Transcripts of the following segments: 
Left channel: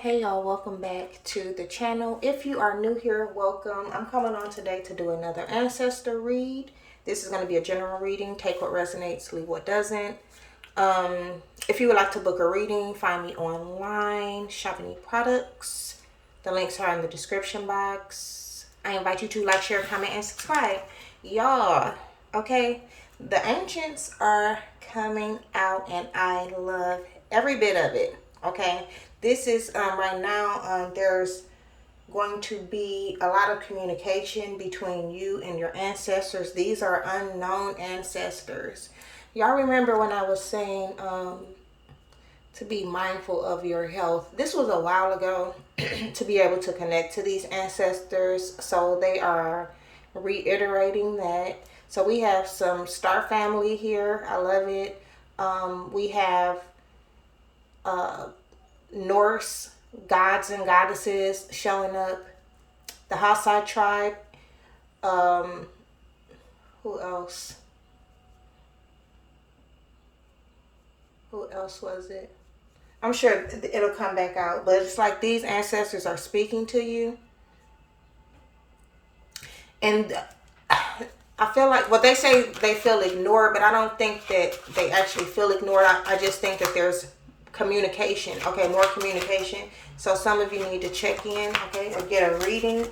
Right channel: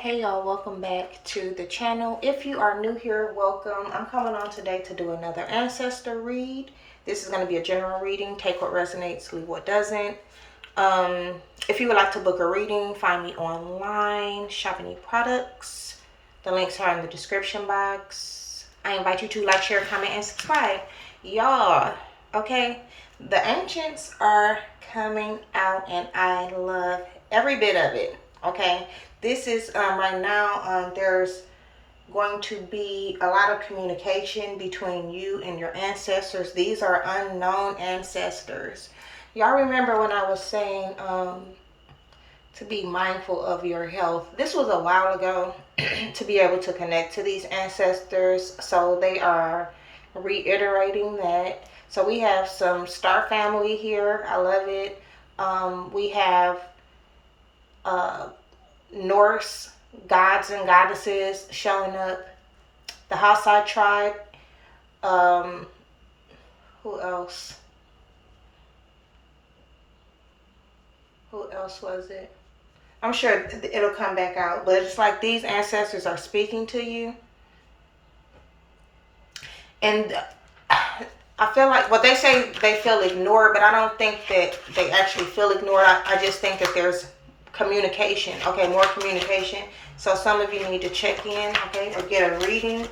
Hey y'all, welcome back to the channel. If you are new here, welcome. I'm coming on today to do another ancestor read. This is going to be a general reading. Take what resonates, leave what doesn't. If you would like to book a reading, find me online, shop any products. The links are in the description box. I invite you to like, share, comment, and subscribe. Y'all, okay? The ancients are coming out and I love every bit of it, okay? This is right now, there's going to be a lot of communication between you and your ancestors. These are unknown ancestors. Y'all remember when I was saying to be mindful of your health? This was a while ago to be able to connect to these ancestors. So they are reiterating that. So we have some star family here. I love it. We have Norse gods and goddesses showing up. The Hassai tribe. Who else? Who else was it? I'm sure it'll come back out. But it's like these ancestors are speaking to you. And I feel like, well, they say they feel ignored, but I don't think that they actually feel ignored. I just think that there's communication. Okay, more communication. So some of you need to check in, okay, or get a reading.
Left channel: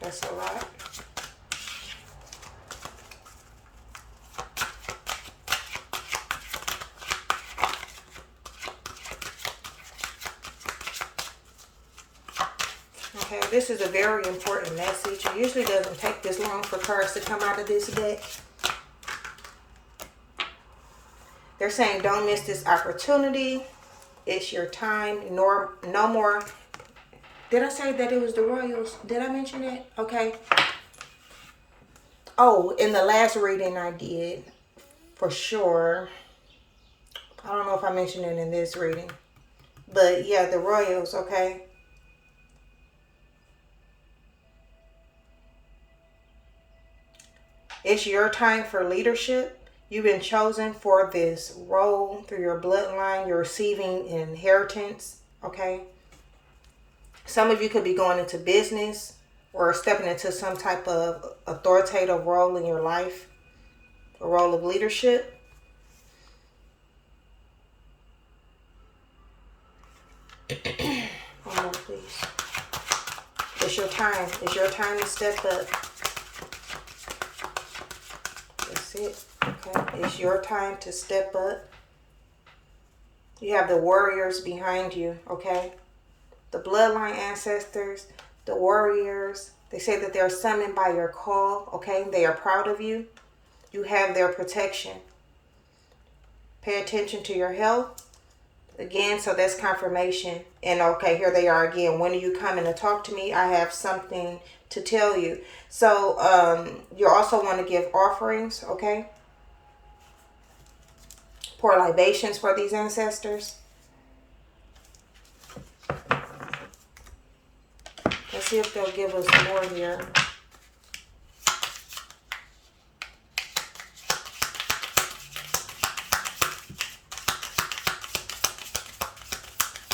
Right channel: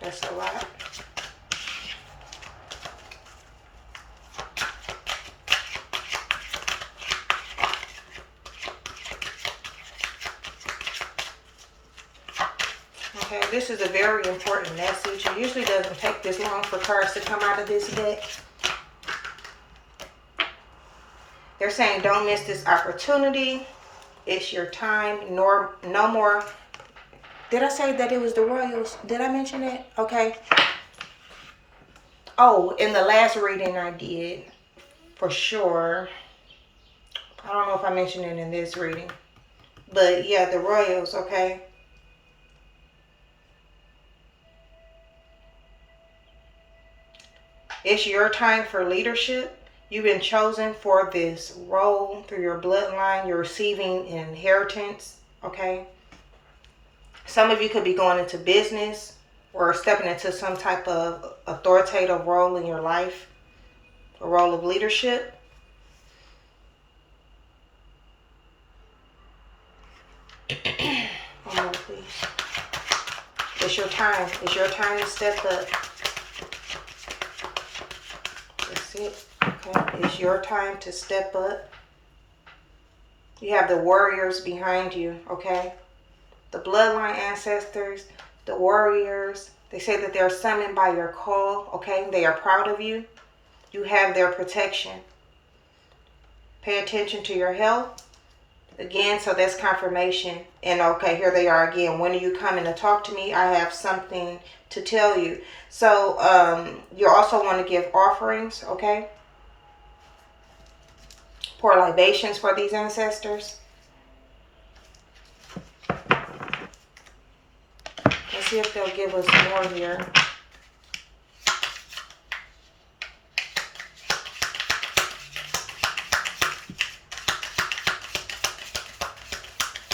That's a lot. Okay, this is a very important message. It usually doesn't take this long for cards to come out of this deck. They're saying don't miss this opportunity. It's your time. No more. Did I say that it was the Royals? Did I mention it? Okay. Oh, in the last reading I did, for sure. I don't know if I mentioned it in this reading. But yeah, the Royals, okay. It's your time for leadership. You've been chosen for this role through your bloodline. You're receiving an inheritance, okay? Some of you could be going into business or stepping into some type of authoritative role in your life, a role of leadership. One more, please. It's your time. It's your time to step up. That's it. Okay. It's your time to step up. You have the warriors behind you, okay? The bloodline ancestors, the warriors. They say that they're summoned by your call, okay? They are proud of you. You have their protection. Pay attention to your health. Again, so that's confirmation. And okay, here they are again. When are you coming to talk to me? I have something to tell you. So you also want to give offerings, okay? Pour libations for these ancestors. Let's see if they'll give us more here.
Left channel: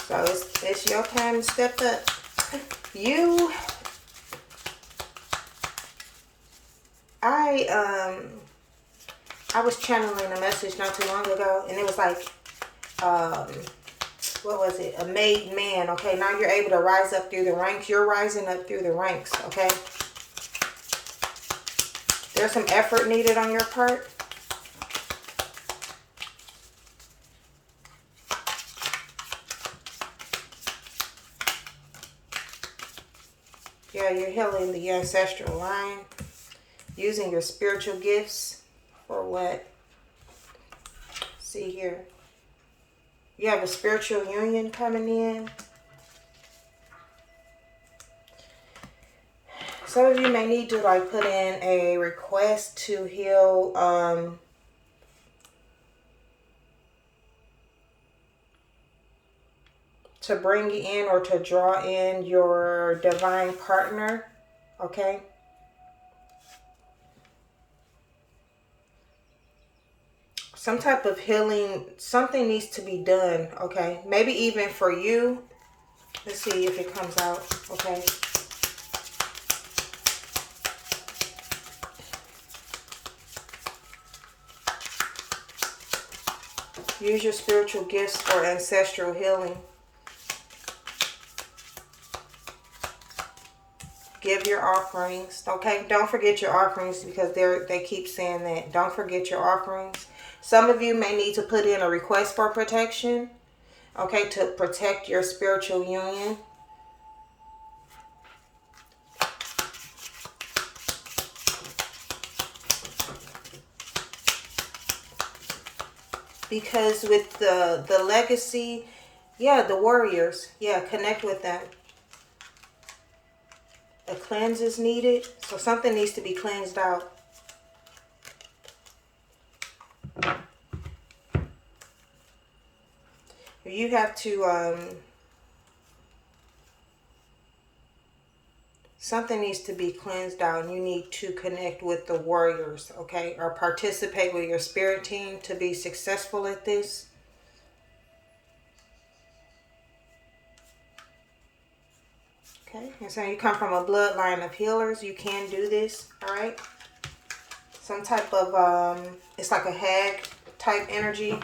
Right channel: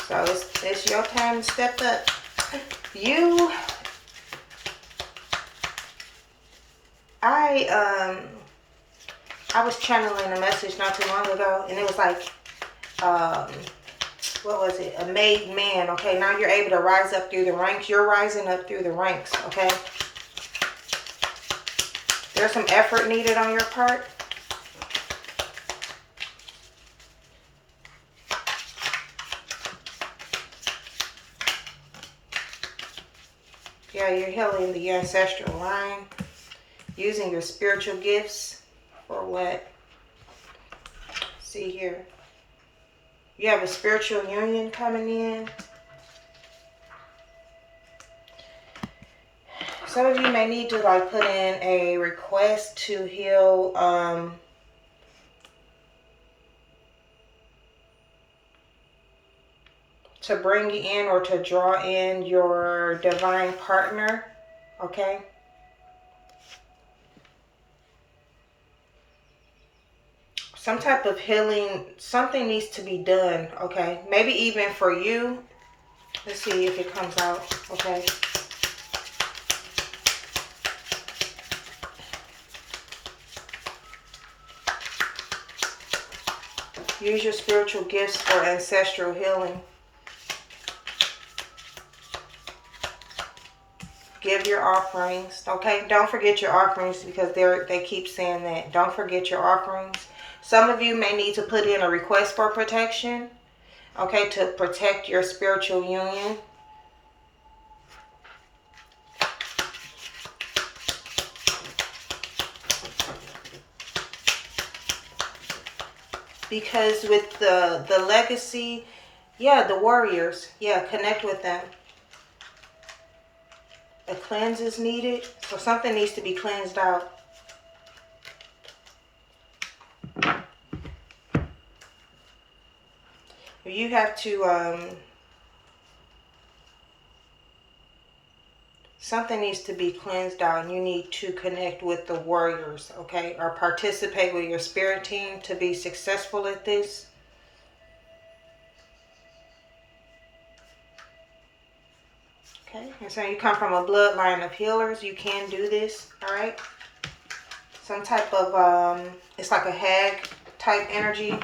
So it's your time to step up. I was channeling a message not too long ago, and it was like, what was it? A made man. Okay, now you're able to rise up through the ranks. You're rising up through the ranks, okay? There's some effort needed on your part. Yeah, you're healing the ancestral line. Using your spiritual gifts for what? See here. You have a spiritual union coming in. Some of you may need to like put in a request to heal to bring in or to draw in your divine partner, okay? some type of healing, something needs to be done, okay? Maybe even for you. Let's see if it comes out, okay? Use your spiritual gifts for ancestral healing. Give your offerings, okay? Don't forget your offerings, because they keep saying that. Don't forget your offerings. Some of you may need to put in a request for protection, okay, to protect your spiritual union. Because with the legacy, yeah, the warriors, yeah, connect with them. A cleanse is needed, so something needs to be cleansed out. You have to, something needs to be cleansed out, and you need to connect with the warriors, okay? Or participate with your spirit team to be successful at this. Okay, and so you come from a bloodline of healers, you can do this, all right? Some type of, it's like a hag type energy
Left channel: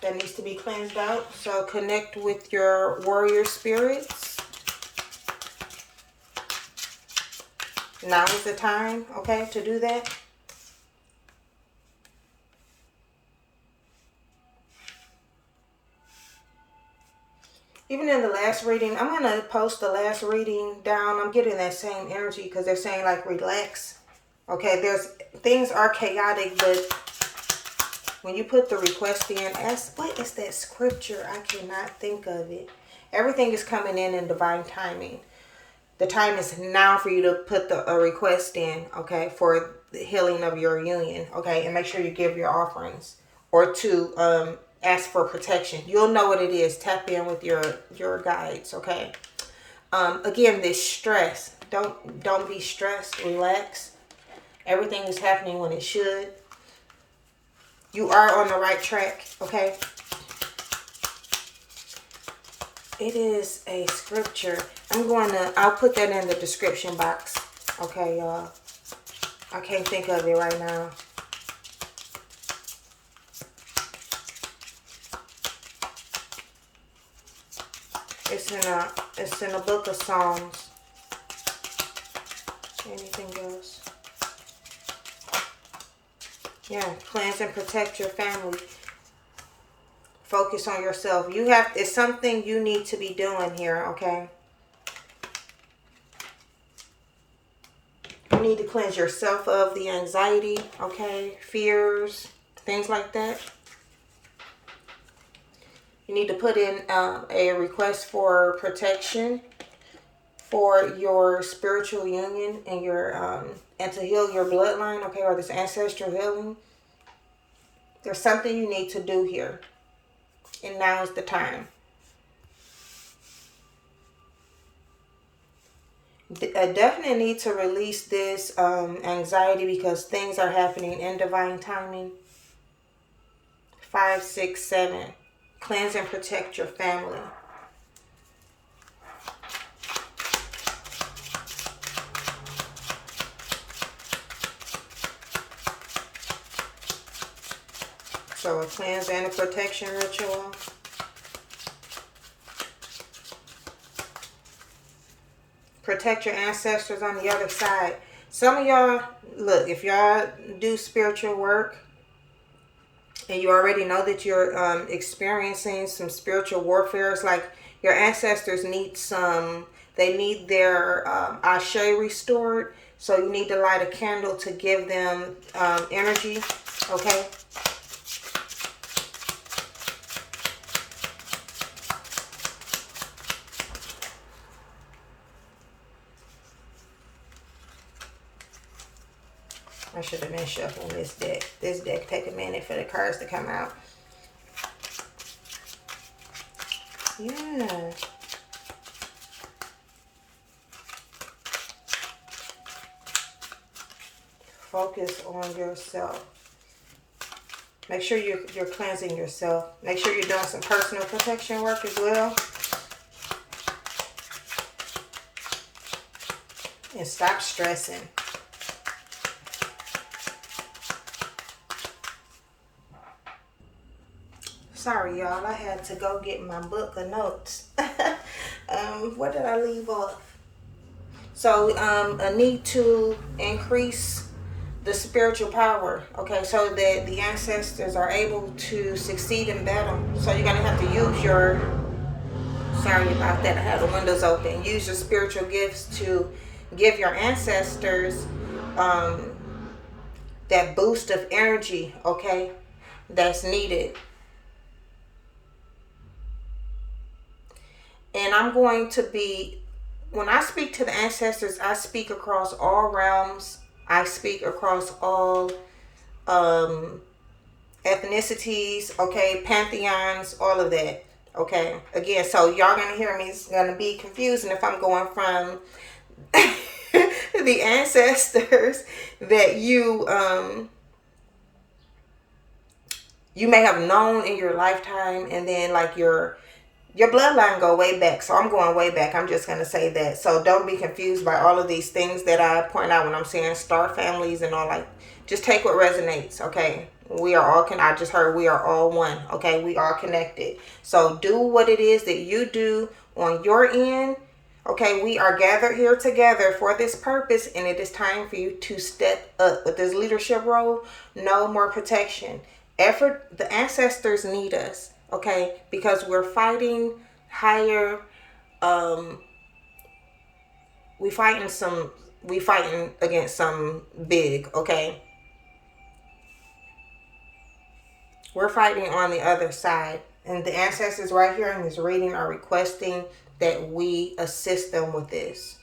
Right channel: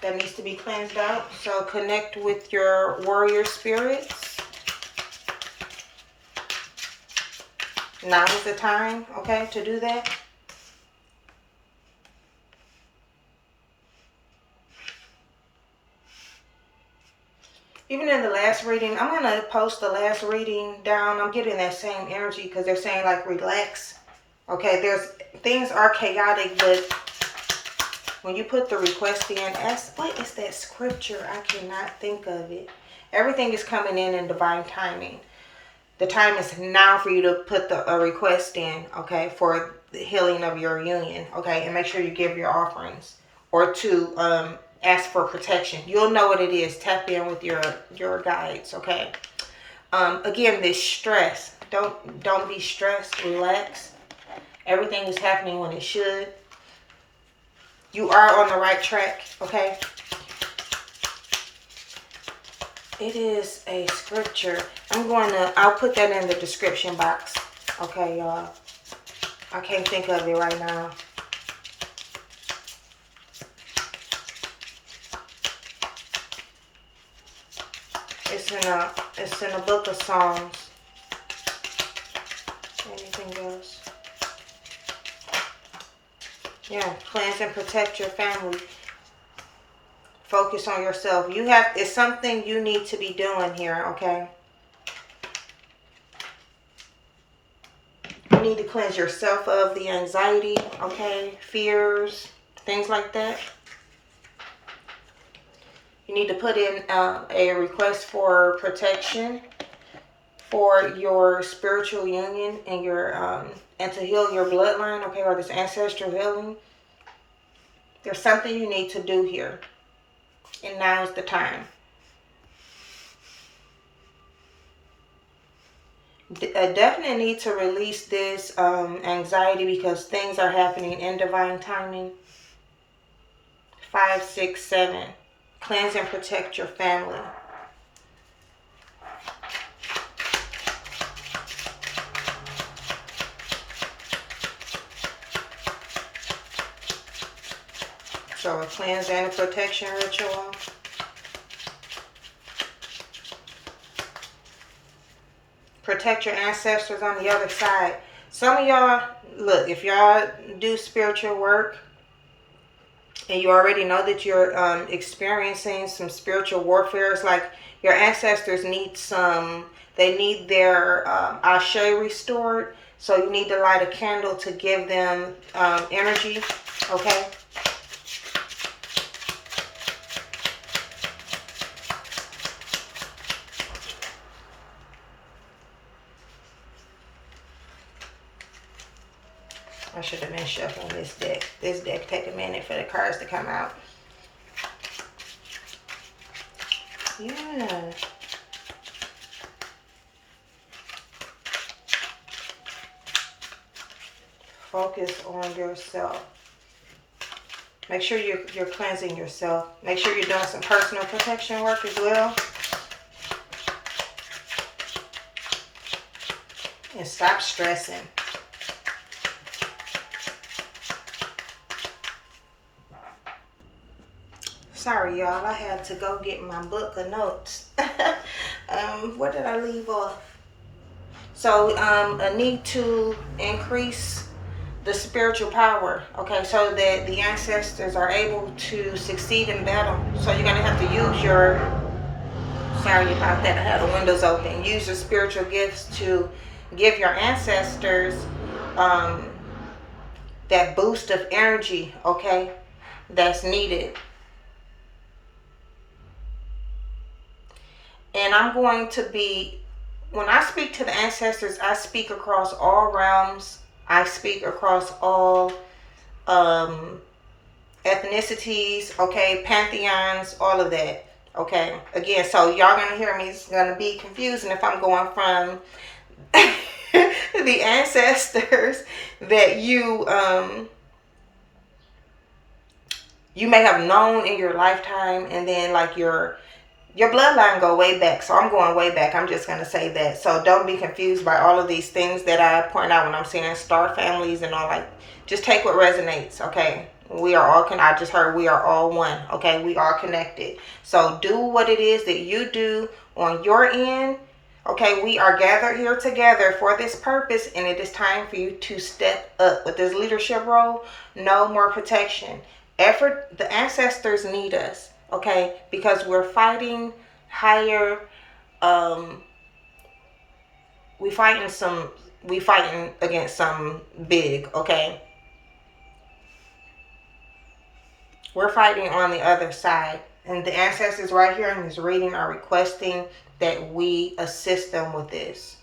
that needs to be cleansed out. So connect with your warrior spirits. Now is the time, okay, to do that. Even in the last reading, I'm going to post the last reading down. I'm getting that same energy because they're saying like relax. Okay, things are chaotic, but when you put the request in, what is that scripture? I cannot think of it. Everything is coming in divine timing. The time is now for you to put a request in, okay, for the healing of your union, okay, and make sure you give your offerings, or to ask for protection. You'll know what it is. Tap in with your guides, okay. Again, this stress. Don't be stressed. Relax. Everything is happening when it should. You are on the right track, okay. It is a scripture. I'll put that in the description box. Okay, y'all. I can't think of it right now. It's in a book of Psalms. Anything else? Yeah, cleanse and protect your family. Focus on yourself. It's something you need to be doing here, okay? You need to cleanse yourself of the anxiety, okay? Fears, things like that. You need to put in a request for protection for your spiritual union and and to heal your bloodline, okay, or this ancestral healing. There's something you need to do here, and now's the time. Definitely need to release this anxiety, because things are happening in divine timing. 5, 6, 7. Cleanse and protect your family. So a cleanse and a protection ritual. Protect your ancestors on the other side. Some of y'all, look, if y'all do spiritual work and you already know that you're experiencing some spiritual warfare, it's like your ancestors need they need their ashe restored. So you need to light a candle to give them energy, okay? I should have been shuffling this deck. This deck take a minute for the cards to come out. Yeah. focus on yourself. Make sure you're cleansing yourself. Make sure you're doing some personal protection work as well. And stop stressing. Sorry, y'all. I had to go get my book of notes. Where did I leave off? So, a need to increase the spiritual power, okay, so that the ancestors are able to succeed in battle. So you're going to have to use your, sorry about that, I had the windows open, use your spiritual gifts to give your ancestors that boost of energy, okay, that's needed. And I'm going to be, when I speak to the ancestors, I speak across all realms. I speak across all ethnicities, okay, pantheons, all of that, okay. Again, so y'all gonna hear me, it's gonna be confusing if I'm going from the ancestors that you may have known in your lifetime, and then like your bloodline go way back. So I'm going way back. I'm just going to say that. So don't be confused by all of these things that I point out when I'm saying star families and all. Like, just take what resonates, okay? We are all, I just heard we are all one, okay? We are connected. So do what it is that you do on your end, okay? We are gathered here together for this purpose, and it is time for you to step up with this leadership role. No more protection. Effort, the ancestors need us. Okay, because we're fighting higher, we fighting against some big, okay? We're fighting on the other side. And the ancestors right here in this reading are requesting that we assist them with this.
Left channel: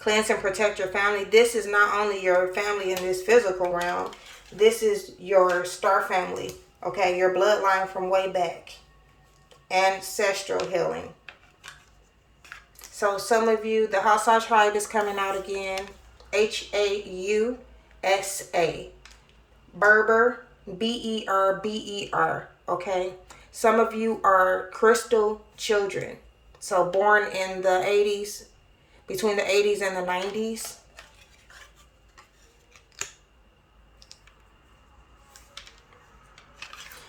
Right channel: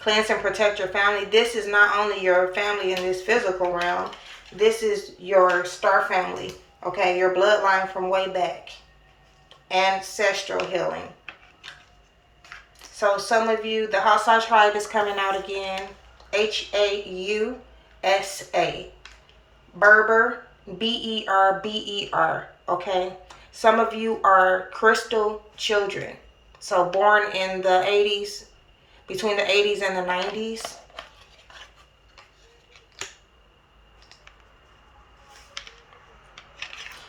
Cleanse and protect your family. This is not only your family in this physical realm. This is your star family. Okay, your bloodline from way back. Ancestral healing. So some of you, the Hausa tribe is coming out again. Hausa. Berber. Berber. Okay. Some of you are crystal children. So born in the 80s. Between the 80s and the 90s.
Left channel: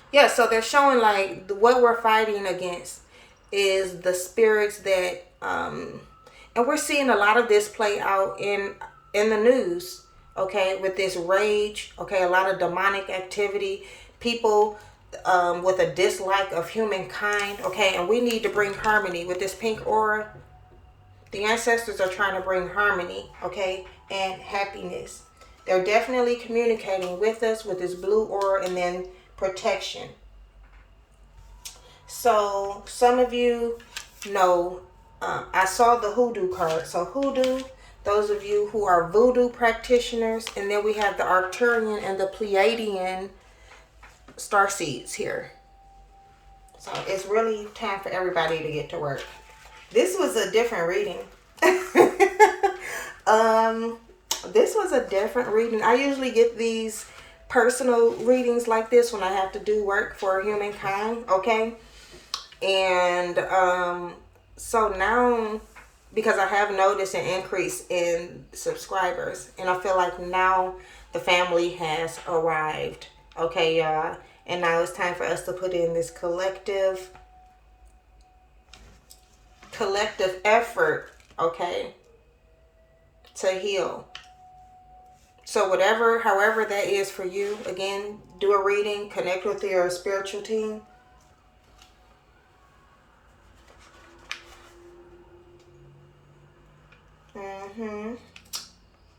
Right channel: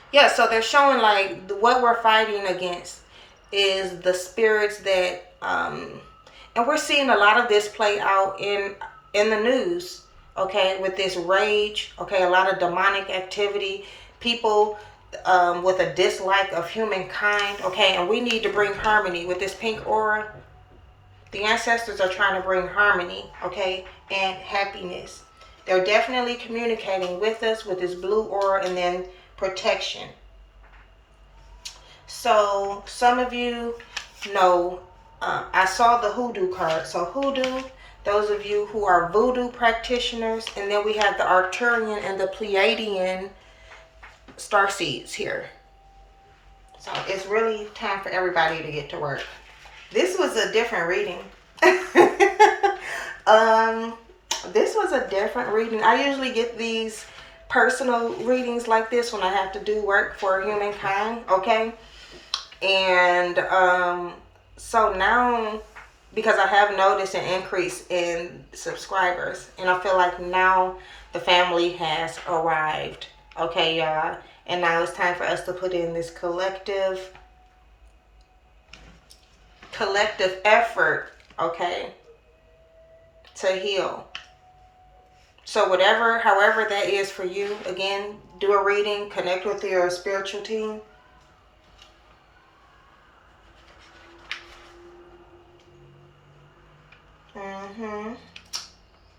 Yeah, so they're showing like what we're fighting against is the spirits that, and we're seeing a lot of this play out in the news, okay, with this rage, okay, a lot of demonic activity, people with a dislike of humankind, okay, and we need to bring harmony with this pink aura. The ancestors are trying to bring harmony, okay, and happiness. They're definitely communicating with us with this blue aura and then protection. So some of you know, I saw the hoodoo card. So hoodoo, those of you who are voodoo practitioners, and then we have the Arcturian and the Pleiadian star seeds here. So it's really time for everybody to get to work. This was a different reading. This was a different reading. I usually get these personal readings like this when I have to do work for humankind, okay? And so now, because I have noticed an increase in subscribers, and I feel like now the family has arrived, okay, y'all? And now it's time for us to put in this collective effort, okay, to heal. So however that is for you, again, do a reading, connect with your spiritual team.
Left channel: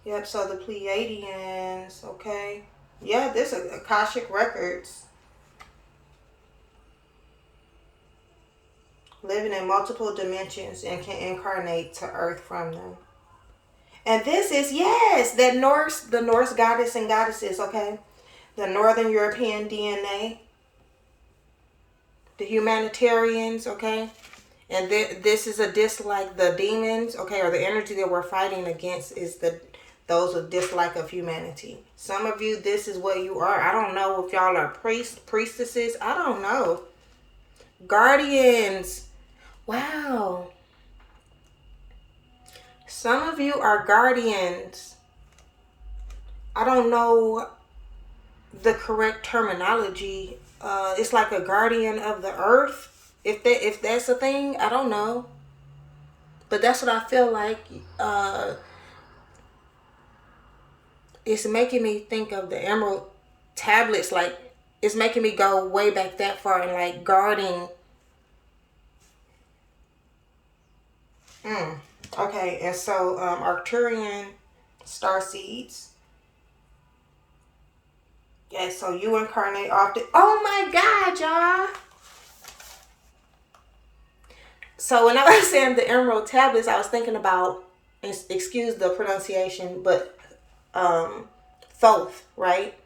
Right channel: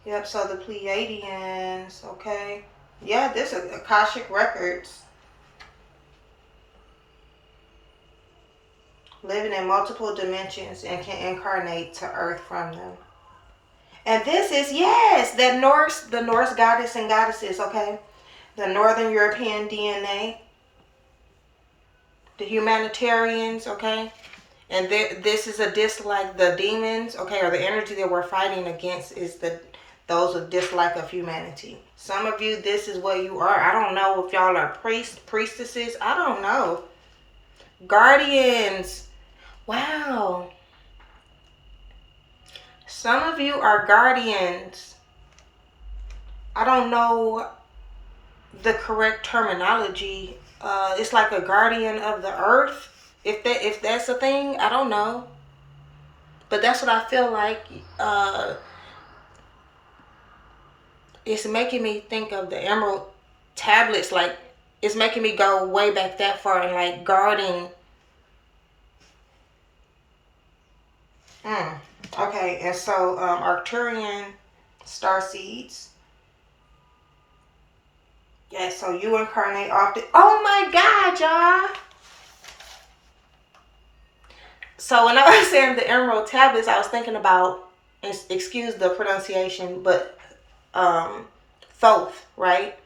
Yep, so the Pleiadians, okay. Yeah, this is Akashic Records. Living in multiple dimensions and can incarnate to Earth from them. And this is, yes, the Norse goddess and goddesses, okay? The Northern European DNA. The humanitarians, okay? And this is a dislike, the demons, okay, or the energy that we're fighting against is the those of dislike of humanity. Some of you, this is what you are. I don't know if y'all are priests, priestesses. I don't know. Guardians. Wow. Some of you are guardians. I don't know the correct terminology. It's like a guardian of the earth. If that's a thing, I don't know. But that's what I feel like. It's making me think of the emerald tablets. Like, it's making me go way back that far and like guarding. Okay, and so Arcturian star seeds. Yeah, so you incarnate often. Oh my God, y'all. So when I was saying the emerald tablets, I was thinking about, excuse the pronunciation, but Thoth, right?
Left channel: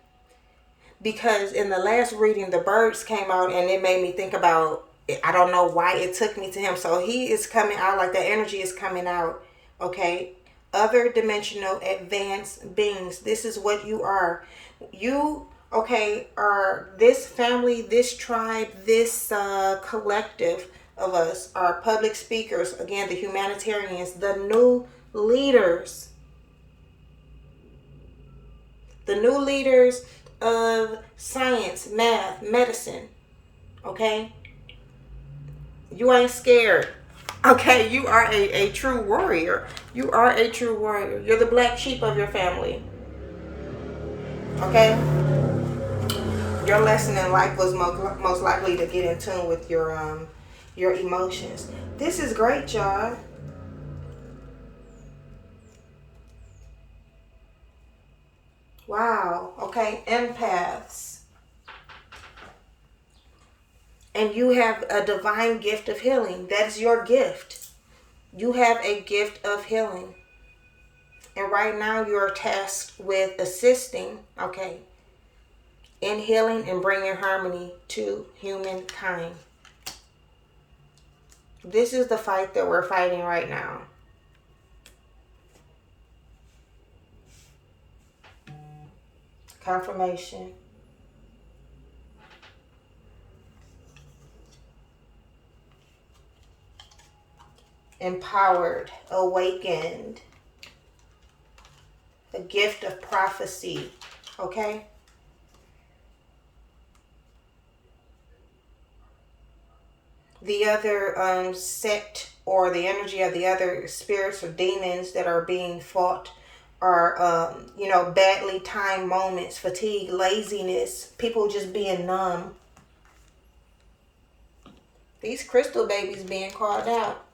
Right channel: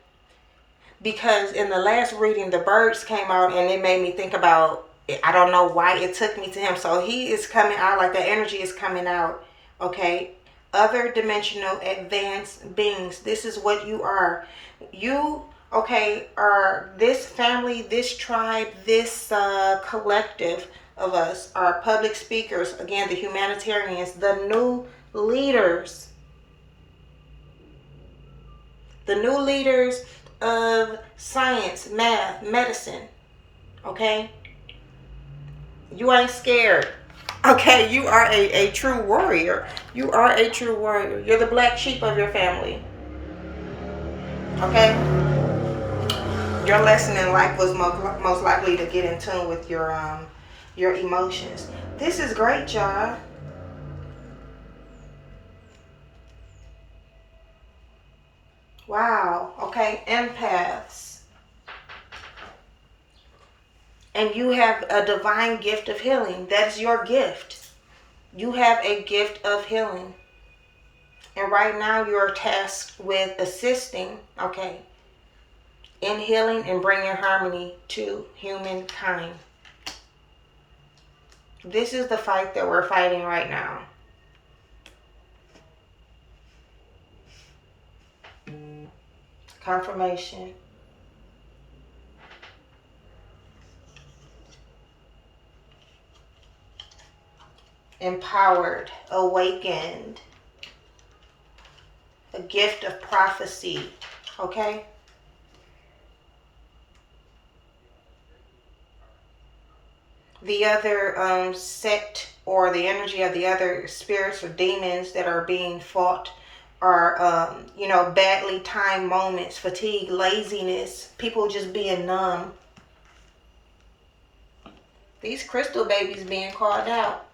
Because in the last reading, the birds came out and it made me think about, I don't know why it took me to him. So he is coming out, like the energy is coming out, okay? Other dimensional advanced beings. This is what you are. You, okay, are this family, this tribe, this collective of us are public speakers. Again, the humanitarians, the new leaders. The new leaders of science, math, medicine. Okay? You ain't scared. Okay? You are a true warrior. You are a true warrior. You're the black sheep of your family. Okay? Your lesson in life was most likely to get in tune with your emotions. This is great, y'all. Wow. Okay, empaths. And you have a divine gift of healing. That is your gift. You have a gift of healing. And right now you are tasked with assisting, okay, in healing and bringing harmony to humankind. This is the fight that we're fighting right now. Confirmation. Empowered, awakened, a gift of prophecy, okay? The other sect or the energy of the other spirits or demons that are being fought are, badly timed moments, fatigue, laziness, people just being numb. These crystal babies being called out.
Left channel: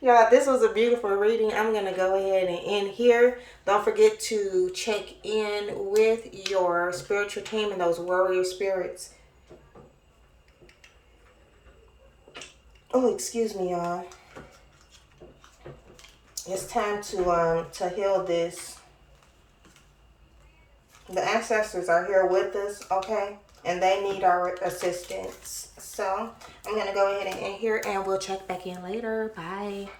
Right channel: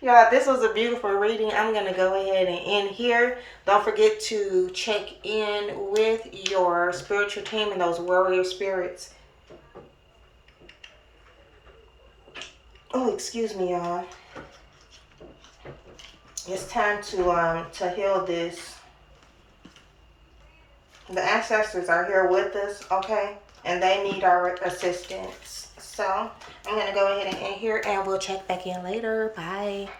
Y'all, this was a beautiful reading. I'm going to go ahead and end here. Don't forget to check in with your spiritual team and those warrior spirits. Oh, excuse me, y'all. It's time to heal this. The ancestors are here with us, okay? And they need our assistance. So I'm going to go ahead and end here, and we'll check back in later. Bye.